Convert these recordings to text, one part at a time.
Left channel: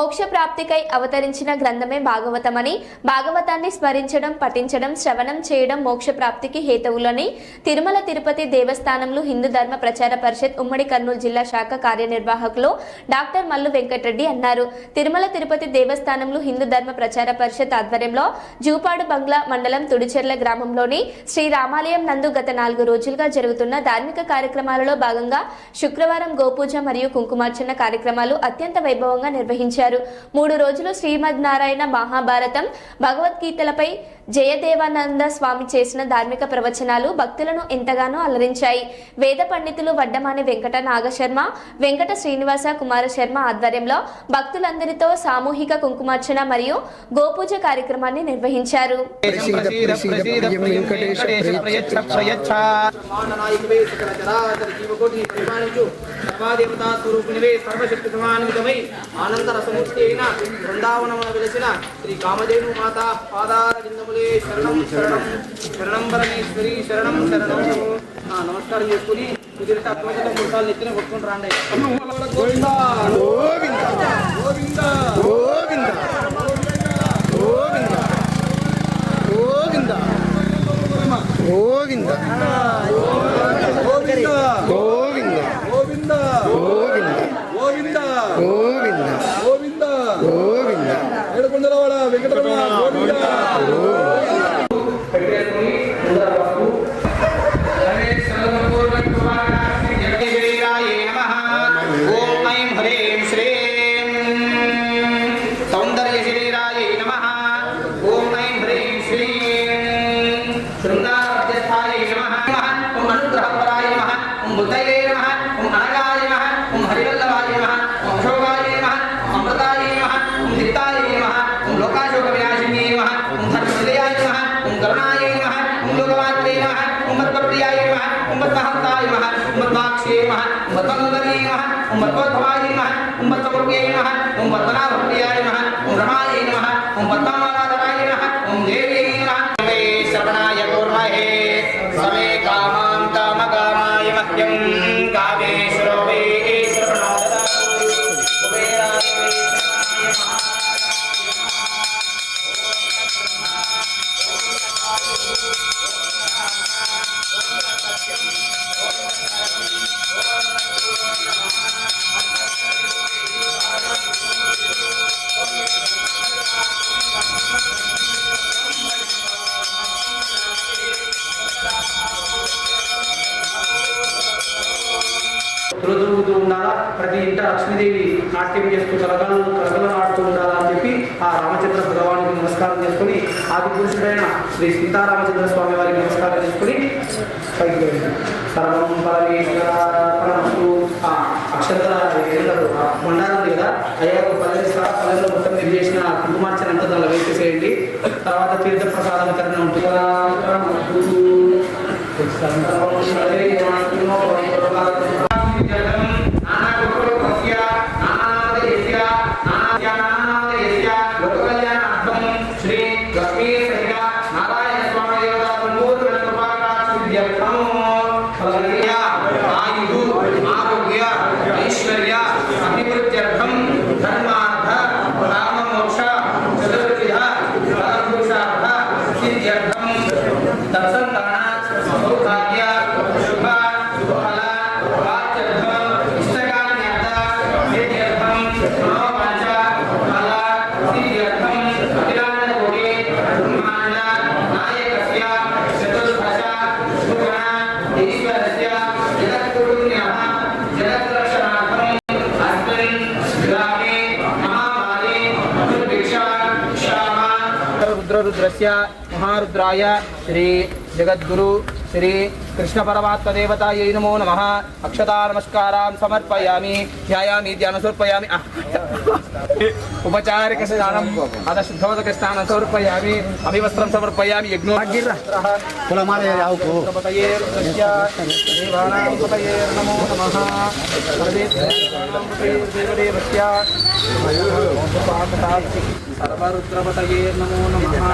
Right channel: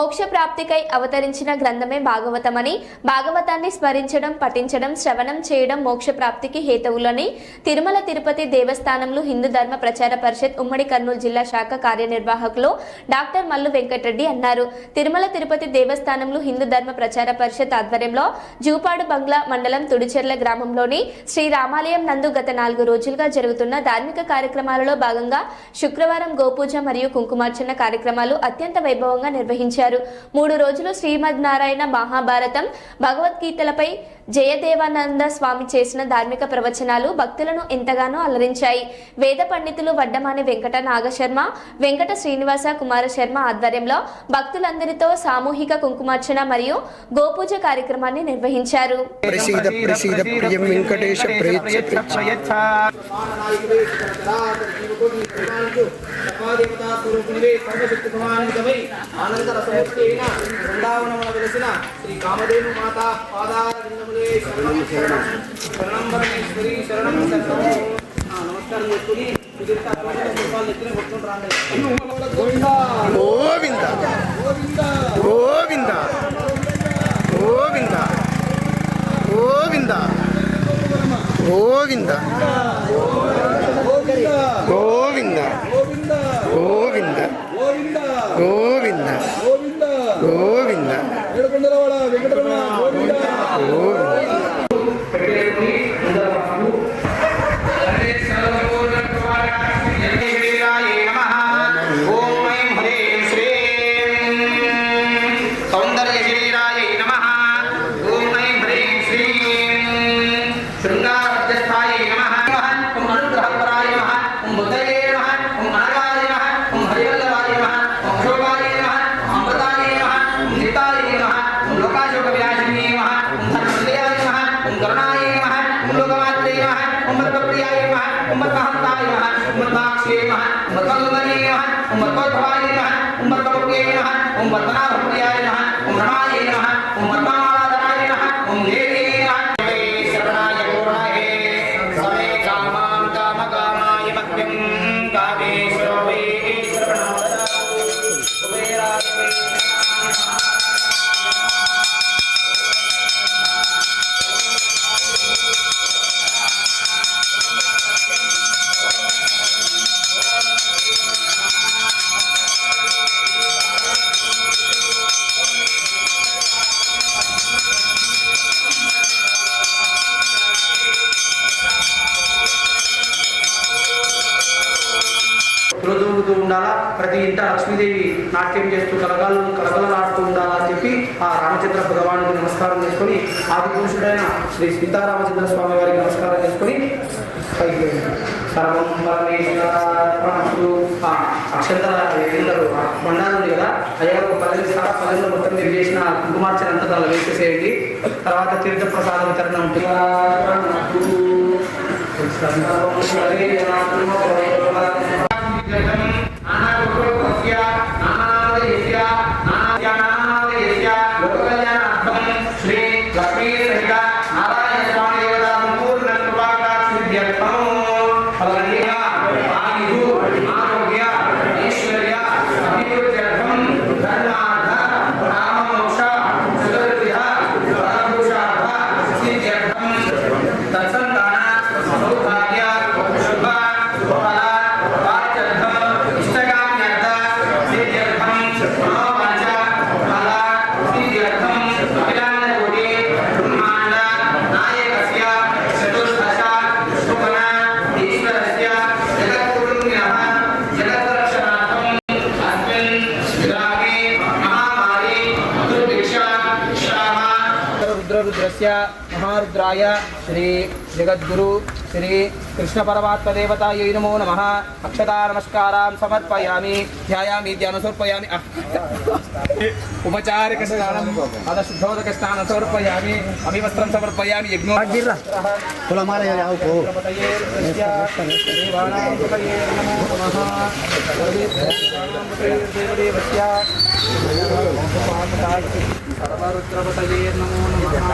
మోక్ష ప్రాప్తికై అవతరించిన గ్రంథమే భాగవతమని, భాగవతాన్ని స్మరించడం, పఠించడం, శ్రవణం చేయడం మోక్ష ప్రాప్తికి హేతువులని తిరుమల తిరుపతి దేవస్థానంలో హిందూ ధర్మ ప్రచార పరిషత్ ఉమ్మడి కర్నూలు జిల్లా శాఖ కార్యనిర్వాహకులు డాక్టర్ మల్లు వెంకటరెడ్డి అన్నారు. తిరుమల తిరుపతి దేవస్థానంలో హిందూ ధర్మ ప్రచార పరిషత్ ఆధ్వర్యంలో జూపాడు బంగ్లా మండలం తుడిచెర్ల గ్రామంలోని శ్రీ రామాలయం నందు గత 4 రోజులుగా జరుగుతున్న ధార్మిక కార్యక్రమాలలో భాగంగా శుక్రవారం గోపూజ మరియు కుంకుమార్చన కార్యక్రమాలు అత్యంత వైభవంగా నిర్వహించారు. 3 రోజులు శ్రీమద్ నారాయణ మహాభారతం, భగవద్గీతలపై జయదేవానంద స్వామి చేసిన ధార్మిక ప్రవచనాలు భక్తులను ఎంతగానో అలరించాయి. వేద పండితులు వడ్డమాని వెంకట నాగశర్మ, వెంకట శ్రీనివాస కుమార శర్మ ఆధ్వర్యంలో భక్తులందరితో సామూహిక కుంకుమార్చన మరియు గోపూజ కార్యక్రమాన్ని నిర్వహించారు. బృందావనమున వెలిసిన శ్రీ కామధేను మాత పాదారవిందములే శరణం శరణం శరణం పరమేశ్వరి శరణం శరణం. నమస్కారం చేసుకుని మిగతా అటువంటి పుష్పాలు ఎత్తుని కొట్టుకుని రాండి. గోవింద గోవింద గోవింద గోవింద గోవింద గోవింద గోవింద గోవింద గోవింద గోవింద గోవింద గోవింద గోవింద ఏడుకొండలవాడ వెంకటరమణ గోవింద రోజు ఉండాలా, ప్రతి ఇంట లక్ష్మీదేవి నాట్యం చేస్తూ కలగలలాడుతూ ఉండాలని చెప్పి ఆ రామచంద్ర భగవానుడికి నమస్కారం చేసుకుని ఆది పురుషుడైన శ్రీ సీతారామచంద్ర స్వామి వారికి నమస్కారం చేసుకుని సర్వం పరమేశ్వరస్తు. అక్షరతల అందరూ మండాలు ఉంది కదా, అయ్యా పల్లెల్లో మొత్తం మీరు చేసిన కుంకుమార్చన అంతా దానిలో వేసేసేయండి. తర్వాత తీర్థ ప్రసాదం వితరణ ఉంటుంది. रुद्रस्य महारुद्राय श्री जगद्गुरु श्री कृष्ण परमात्म देवतायै नमो नमः. अक्षता नमस्कारां समर्पयामि, ध्यायामि, ध्यानं समर्पयामि. उपचारिक स्नानं अथ शुद्धोदक स्नानं समर्पयामि, अभिवस्त्रं समर्पयामि. यज्ञोपतये देवानां पतये नमो नमः. सर्वदेवस्य सर्वरुद्रपतये नमो नमः.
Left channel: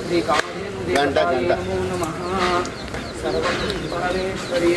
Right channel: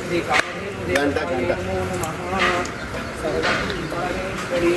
श्री कामधेनु देवतायै नमो नमः. सर्वं परमेश्वरी